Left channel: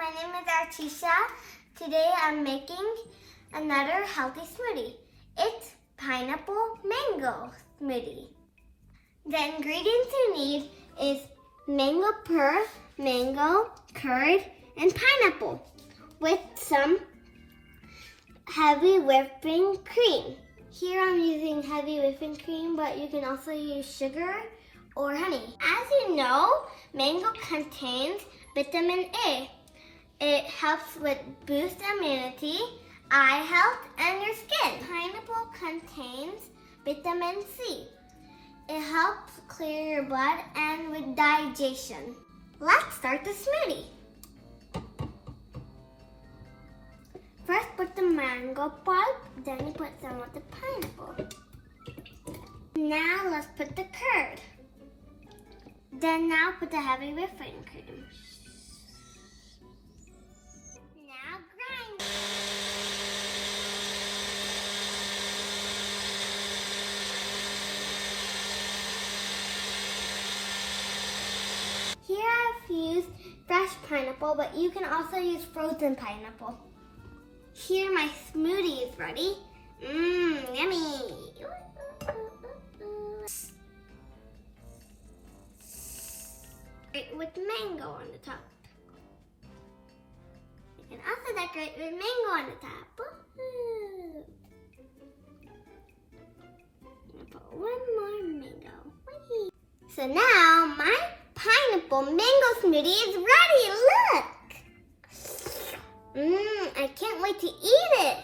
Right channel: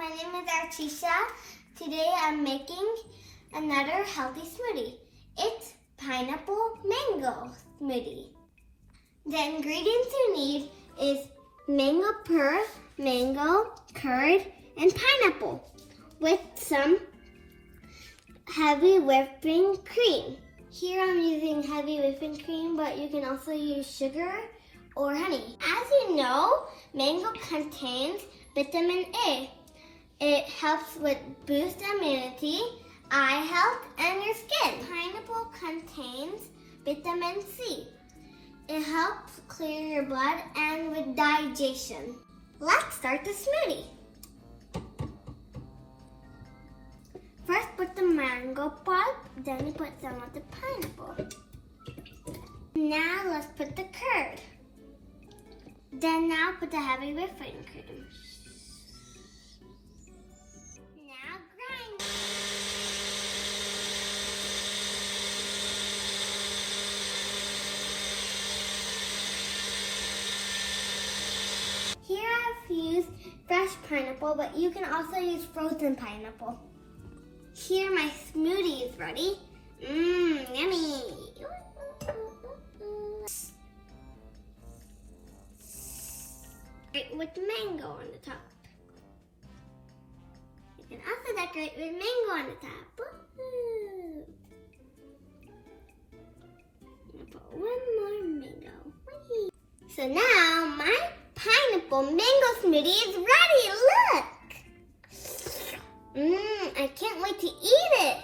my name is Archisha. Today I'm making another healthy smoothie. It's pineapple mango smoothie. The ingredients you need is mango puree, mango, curd, and pineapple with some heavy whipping cream. Here I'm using heavy whipping cream, but you can also use sugar or honey. As you know, mango contains vitamin A. It helps with boost immunity, eye health, and your skin. Pineapple contains vitamin C. It helps clear your blood and with digestion. Let's start the smoothie. First, put the mango pulp, then we put some of the pineapple. Now let's put the curd. Then now put the heavy whipping cream. Now grind. Here I've used fresh pineapple, but you can also use frozen pineapple. Here my smoothie is ready. Yummy. With mango on the top. You can also decorate with mango on the top. Woo-hoo. I'm gonna put one more mango. Whee! So now my pineapple mango smoothie is ready. Look! I can't wait to eat it.